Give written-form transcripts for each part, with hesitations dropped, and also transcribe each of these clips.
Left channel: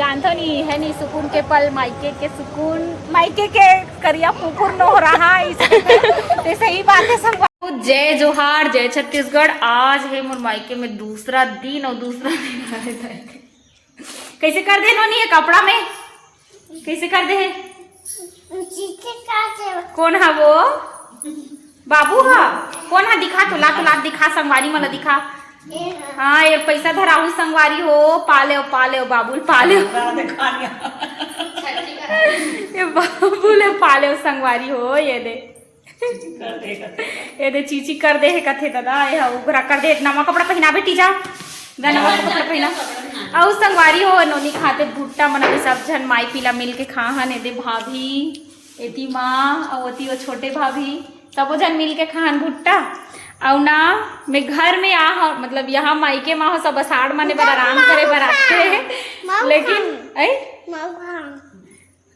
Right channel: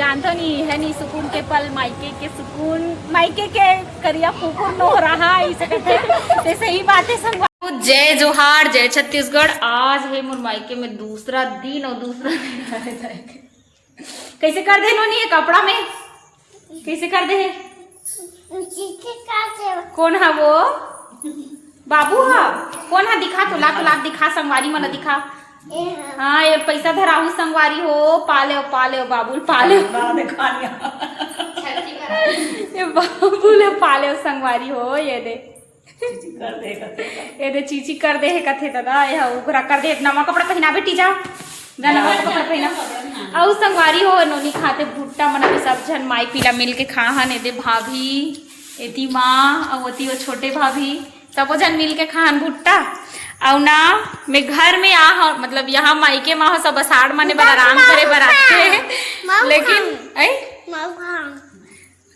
जानते नहीं है नहीं सुकून के पल मायके के सुकून मायके के करिया कुकुर न हो रहा तो सही बात है सब। जय जोहार जय छत्तीसगढ़। आज है मोर मायके में दूसरा दिन और दूसरा दिन कैसे कर दे नोनी कपड़ा में कैसे कर दे कौन है वो बाबू है कौन है दिखा तो लाख दिखा संगवारी मन दिखा। हाँ ये पैसा धराहू संगवारी हो पाले बाबू पाले ये बाबू पाले संगवारी हो ये दे चीची कर दे है कथे दादा ये उगरा कर दे नवा कपड़ा पहना बेटी जा नवा कपड़ा पहना और संगवारी हो नोनी खाते भुट्टा मना सब जन माई पीला मिल के खा हन दे भाभी एती माँ और वो छोटे भाभी सबो जन मिल के खान भुट्टा और ना मैं घर में आ मतलब यहाँ मायके माँ सब अषाढ़ माने बर आराम करे बर आते हैं लेकिन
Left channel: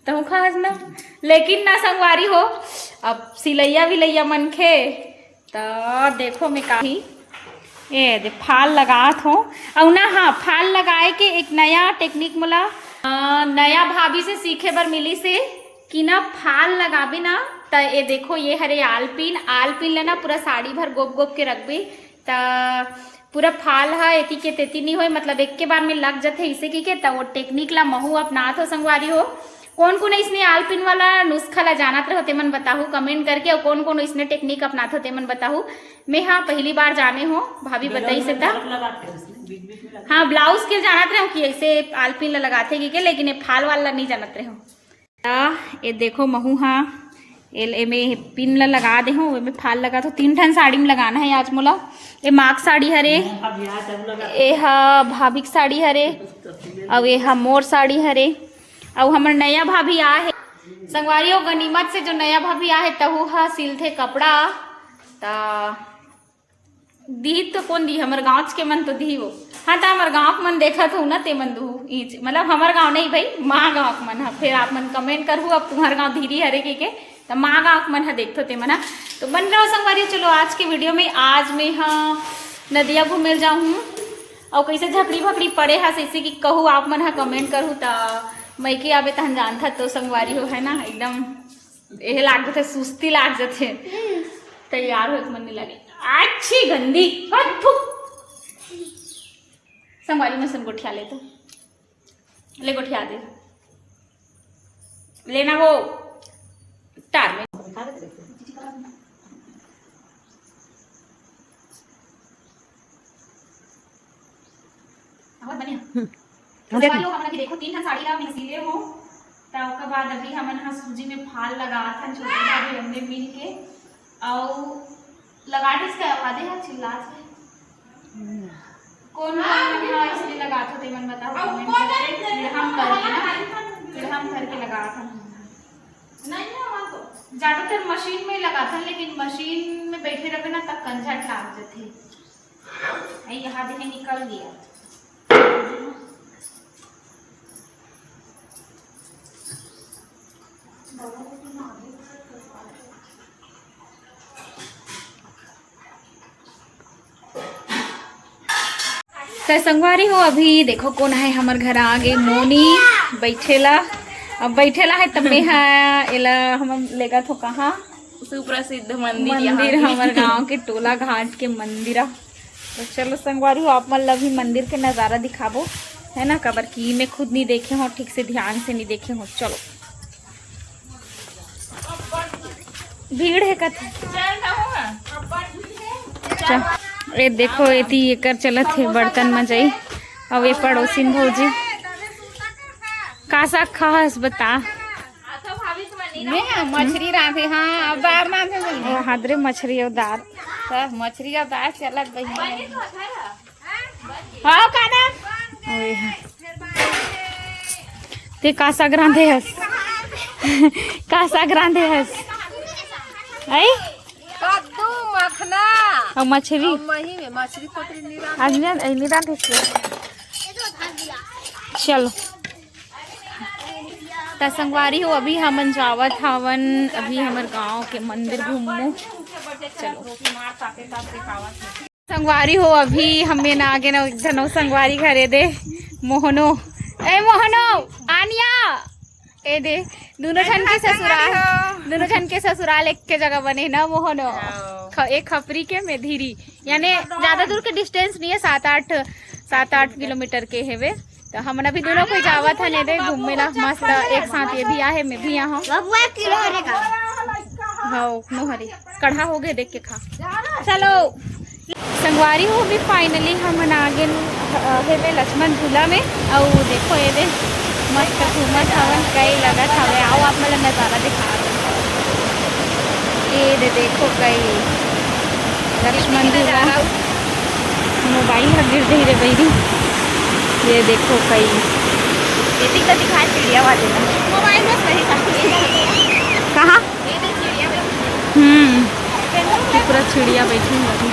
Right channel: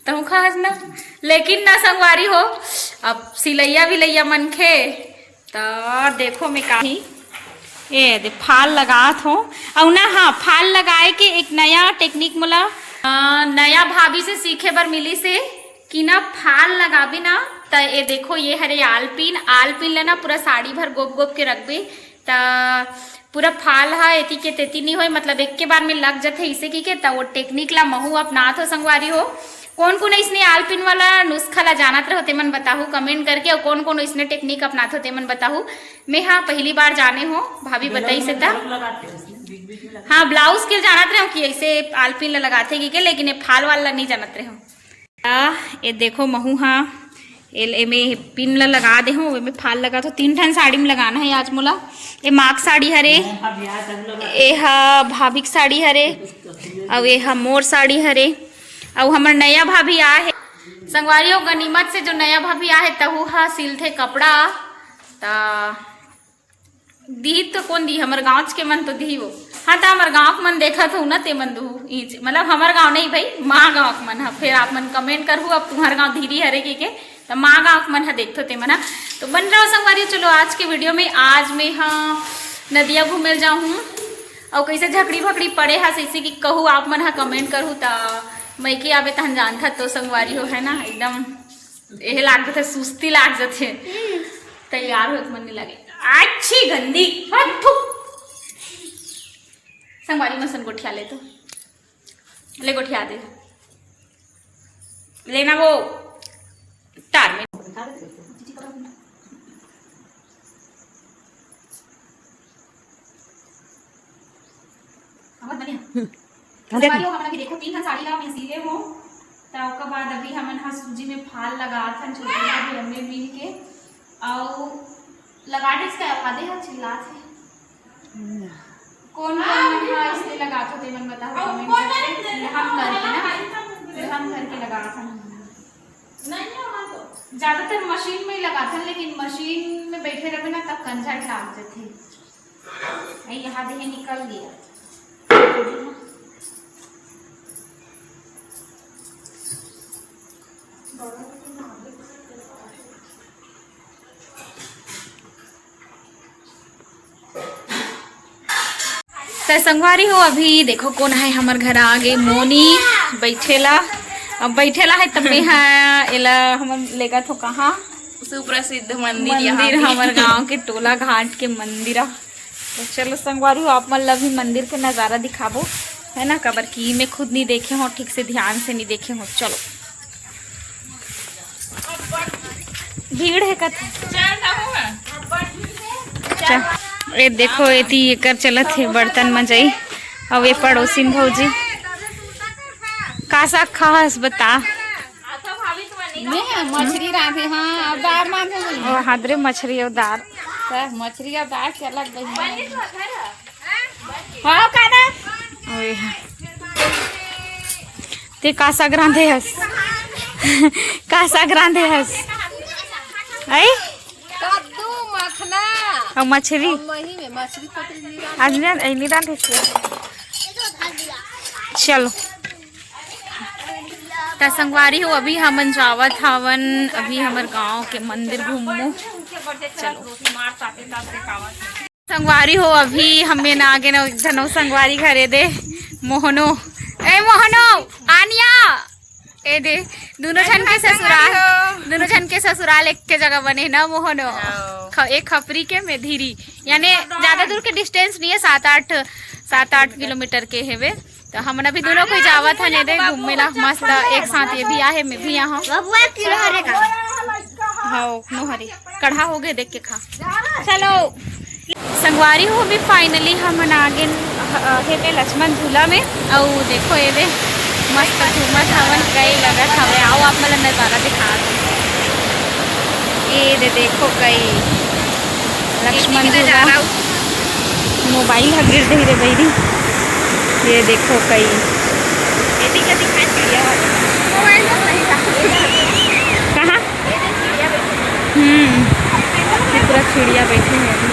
तू खास ना लेकिन ना संगवारी हो अब सिलैया विलैया मन खे तो देखो मैं काही ये दे फाल लगात हो और ना हाँ फाल लगाए के एक नया टेक्निक मोला नया भाभी से सीखे बर मिली से कि ना फाल लगाबे ना तो ये देखो ये हरे आलपिन लेना पूरा साड़ी भर गोप के रखबे तो पूरा फाल है एती के तेती नहीं हो मतलब एक के बार में लग जाते इसे की के तो वो टेक्निक ला महू अपनात हो संगवारी हो। कौन इसने आलपिन वाला नुस्खा ला जानत रहो तेमन बताहू कमेंट करके और कौन इसने टेक्निक अपनात हो तेमन बताहू। मैं हाँ पहली बार जाने हो भाभी बताई से था हाँ ब्लाउज के जानत रहे हो कि ऐसे आलपिन ला लगाते कि के लेकिन ये फाल वाला नहीं जानत रहे हो। ये देखो महू हाँ में पिन ला लगा दे हो में फाल लगा तो 3 ठन साड़ी में लगाना है आज मोला। ये माक साड़ी हरे ये हा भाभी साड़ी हरे और ये हा मोर साड़ी हरे और हमार नया भाभी आ है संगवारी हो गनीमत से जो नया भाभी आ है तहु हा सिलथे कपड़ा ता दी तो कौन दी हमार गाँव के मन तो दी वो हाँ तो हमार गाँव मन देखा था ना ते मन दू मतलब हमार गाँव नहीं भाई माँ गाँव के मन है फिर आप मन कमेंट करूँ अब तुम्हारे गाँव धीरे हरे के तो माँ गाँव मन है देखते ते मना तो बन रहा संगवारी। चलो आज के वीडियो में आज मैं हाँ नदिया घूमे जाऊँ और कैसे झकड़ी भकड़ी पड़े है ऐसे कि कहूँ आप मन है कमेंट करूँ ता मैं के आबे तहन जानता तो संगवारी हो है ना एकदम यह लाग जाते सुस्ती लाग जाते तैयार हो मन नहीं लगे अच्छी गंदी संगवारी मन सन गोठिया ले तो ले गोठिया दे लेना वो तार में देखो 3 साड़ी ला मैं सीले हो तो उसके बाद अभी हमन हा सूजी में फाल लगा था छोटे भाभी हमने मिल के और लगा दे इसका आधे है चिल्ला से कौन है इसलिए लगा तो ते मन बताओ कमेंट करके हम करके ना हम करके लगा था नहीं तो ज्यादातर मशीन में लगा था लेकिन मशीन में बैठे रहे ना तब कंझट लाग जाते यहाँ देखे निकल गया। तो संगवारी हो अभी देखो कौन है हमार घर आगे मोनी बैठेला अब बैठेला है तब में है एला हम लेगा तो कहाँ सुप्रसिद्ध मंदिर हमार गांव के टोला घाट के मंदिर। तो चलो संगवारी हो आप मतलब भी मंदिर के नज़ारा दिखाबो है ना कबर की मैं खुद नहीं देखे हो ठीक से ध्यान से नहीं देखे हो। चलो भीड़ है कथे ये देखो एती एकर चलत है बर्तन मजई और ये पड़ोसिन भौजी कासा खास बता मछली राधे हाँ दार राधे ओ हादरे मछली और दार मछली और दार के अलग बही हां काना ओए ते कासा ग्रांधे हस कासा ग्रांधे हस आई कद्दू मखना और मछली मही में मछली पतली आज नहीं रांधे चलो तो संगवारी हो अभी हमन जावत हवन अभी हमार गांव के मंदिर घूमू। चलो संगवारी हो अभी हमें ना आगे ना धनो संगवारी घरे दे मोहनो ए मोहनो आनिया ए दे दोनों जन के ससुराल एक के जगह बने ना मोहनो। एक खपरी के में धीरी यानी ज्यादा दूर के डिस्टेंस नहीं है, 7-8 किलोमीटर के है वे। तो हम अभी दोनों को जावत है ने दे घूमने ला मस्त एक साथ। ये भी आहे मैं भी यहाँ हाँ नोहरी कढ़ा हो गए देख के खा। चलो संगवारी हो भी फाइनली हम आगे है लक्ष्मण झूला में। और देखो ये दे मस्त घूमत हवन कई लगत हवे। आओ आप मतलब नज़ारा दिखा दो। ये दे देखो कई लक्ष्मण झूला मोबाइल है गिर दे रे बैरी। ये देखो कई कहाँ पूरा चिड़िया बैठे हैं अभी।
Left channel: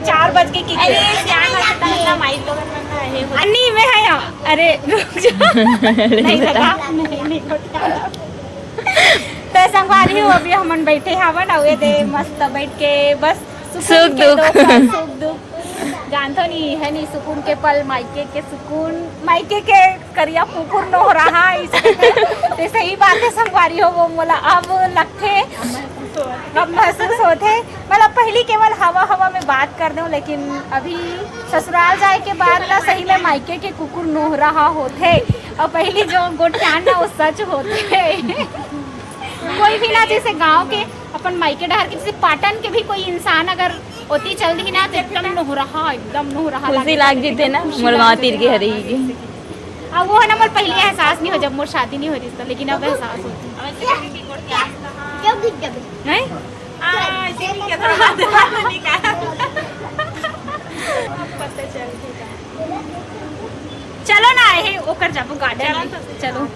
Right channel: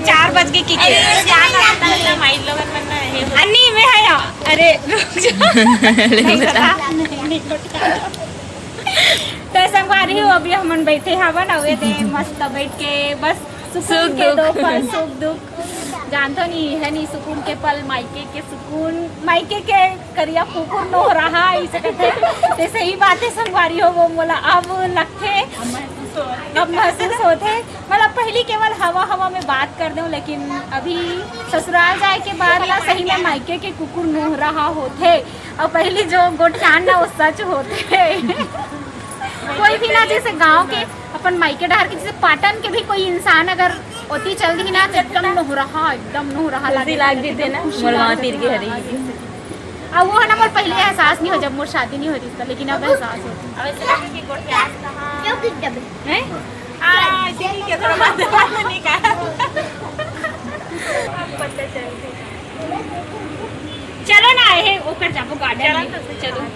चार बज के अन्नी में है ना। अरे तो संगवारी हो अभी हम बैठे हवन और दे मस्त बैठ के बस सुख दुख जानतो नहीं है नहीं सुकून के पल मायके के सुकून मायके के करिया कुकुर न हो रहा इससे सही बात है। संगवारी हो वो मोला अब लगते अब महसूस होते मतलब पहली केवल हवा में बात कर दूं, लेकिन अभी ससुराल जाए के बाद ना सही में मायके के कुकुर नोह रहा होते और पहली जो गोठान ना वो सच होते। कोई भी ना जैसे गांव के अपन मायके डहर के जैसे पाटन के भी कोई इंसान अगर ओती चल दी ना तो एकदम नोह रहा लाग जीते ना मोर तीर के हरी। अब वो ना मोर पहले एहसास नहीं हो जब मोर शादी नहीं होती इसका, लेकिन अब एहसास होती। चलो ना है ओकर जाबो गार्डन चलो।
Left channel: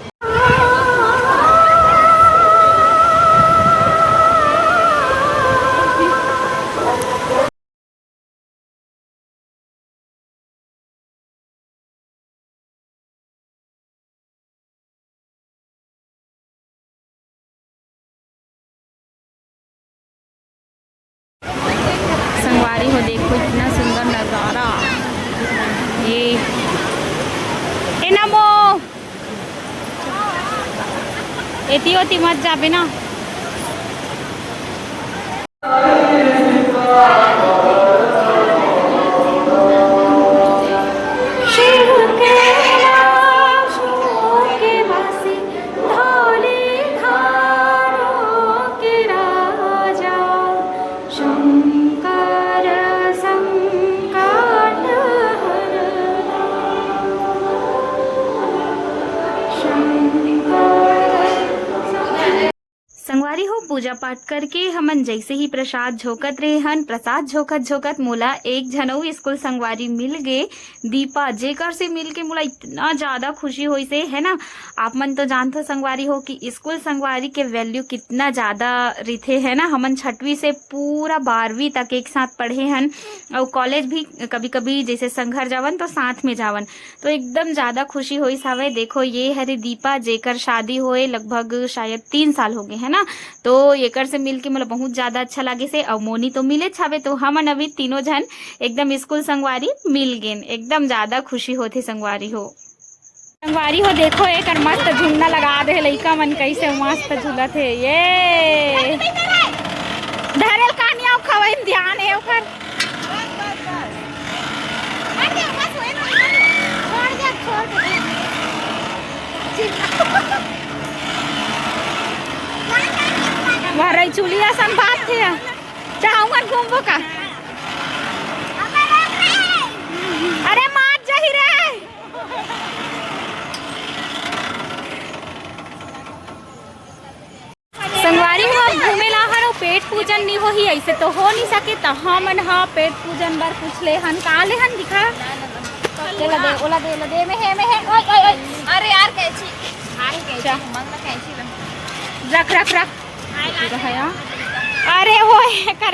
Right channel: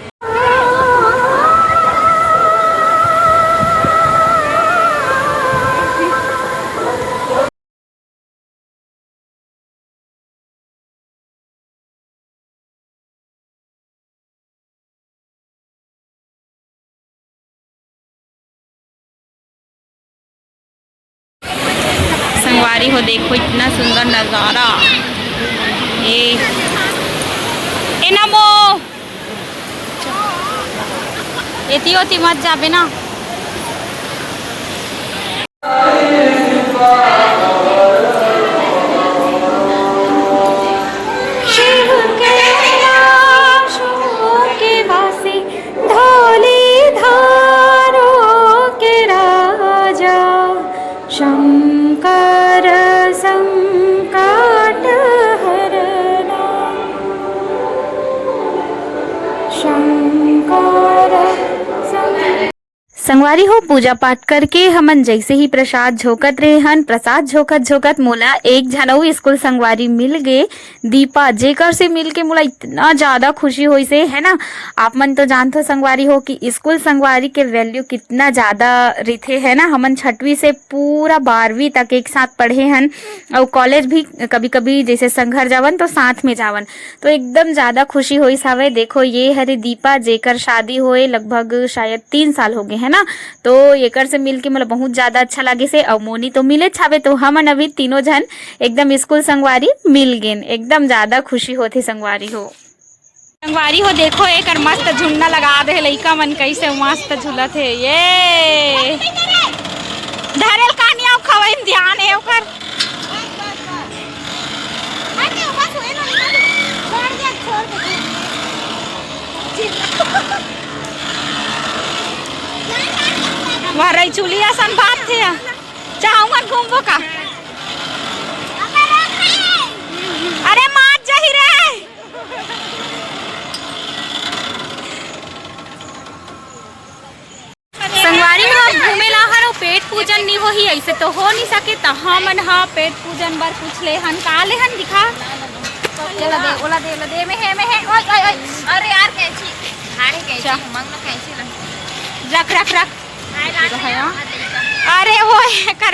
संगवारी हो देखो इतना सुंदर नज़ारा। ए नमो एती होती मत जाबे ना। शिव कैलाश के वासी धौली धारों के राजा शंकर संकट हरना संगवारी हो पूजा पाठ करके हमन जैसे ही प्रसाद झोकत रहे हन। प्रसाद झोकत मोला एक झनऊ स्कूल संगवारी मिल गए दीपा, जेकर से मिल के मोला इतना ज्यादा खुशी हुई से है ना। आप मन तो जानते हो संगवारी हो कि स्कूल संगवारी के वैल्यू कितना ज्यादा रिथे है ना। हमन 6वीं से पूरा 12वीं तक एक साथ पढ़े हन और कॉलेज भी कभी कभी जैसे संघर जावन तो साथ में जावन, तो एकदम ज्यादा खुशी हुई सावे। देखो ये हरे दीपा जेकर शादी होए लगभग शायद 3 साल हो गए है ना, तो एकर से मिलके मतलब बहुत ज्यादा अच्छा लगे से। और मोनी तो मिले छावे, तो हमन अभी तीनों जन एकदम स्कूल संगवारी मिल गए, एकदम ज्यादा खुशी होती संगवारी हो। संगवारी हो देखो एक मस्त झुन्ना लगा दे लइका मन कैसे मस्त झूलत है। ये धरेल कहानियां खवाइन ध्यान है ओकर। वह रही चुलिया सन बात थे चाहूंगा घूमबो का। अरे मार जाही रे पेट पूजन नहीं हो ही ऐसे तो हो नहीं सके तो हमन हा पेट पूजन बार पूछ ले हन का ले हन दिखा चला दे ओला दे में है ओए ओए ओए अरे यार कैची हाय कैची अच्छा। मांगना कैची रख रख रख अरे ओए